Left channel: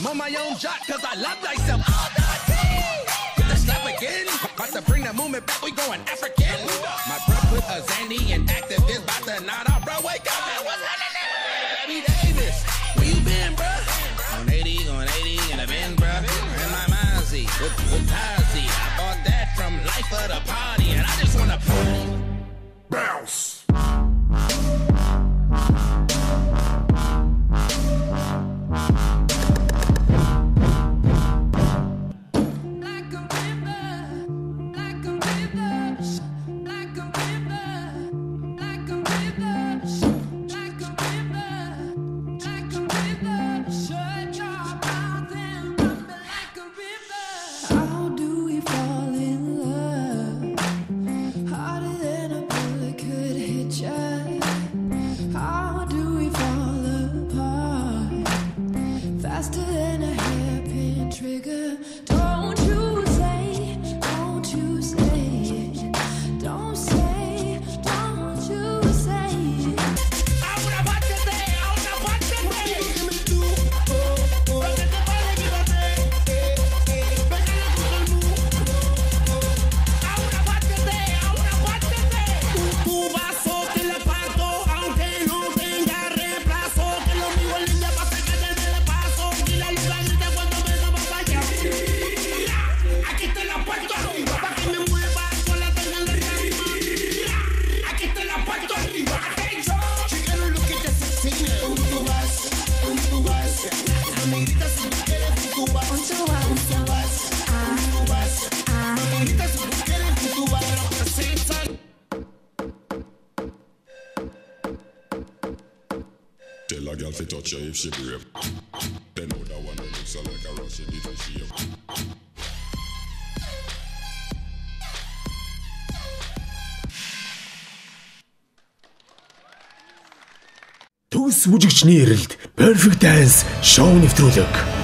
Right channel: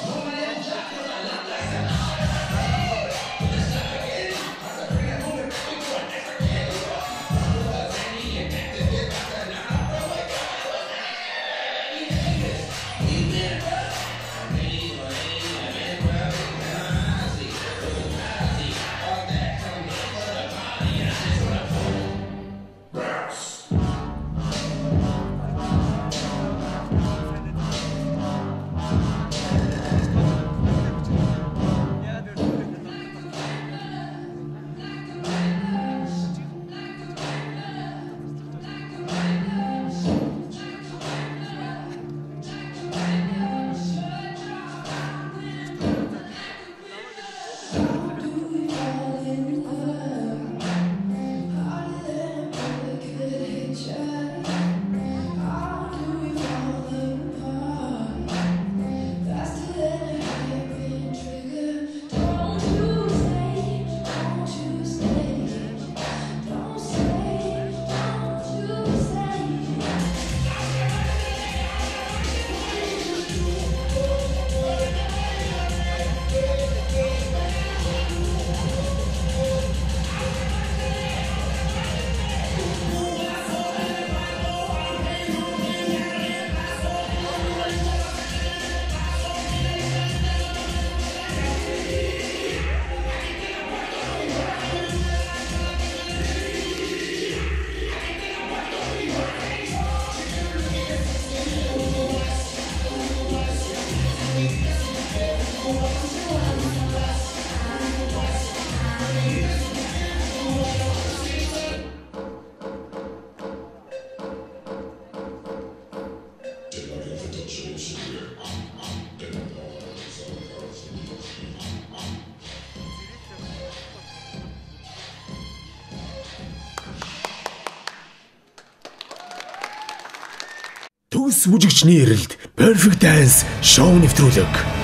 I'm on my own shot cause I love myself. All that I say. With the stuff again. Got to bring that moment back. We going African. My bro with a Zandy and activist. About to not off Broadway. God, what's that? We Davis. We been, bro. On 80, on 80, and I'm in, bro. And my mind see. I see. I thought that from life of the party. And I just wanna bounce. Төгс бүжигчний эрэлд Perfect Dance шоу нэвтрүүлэг.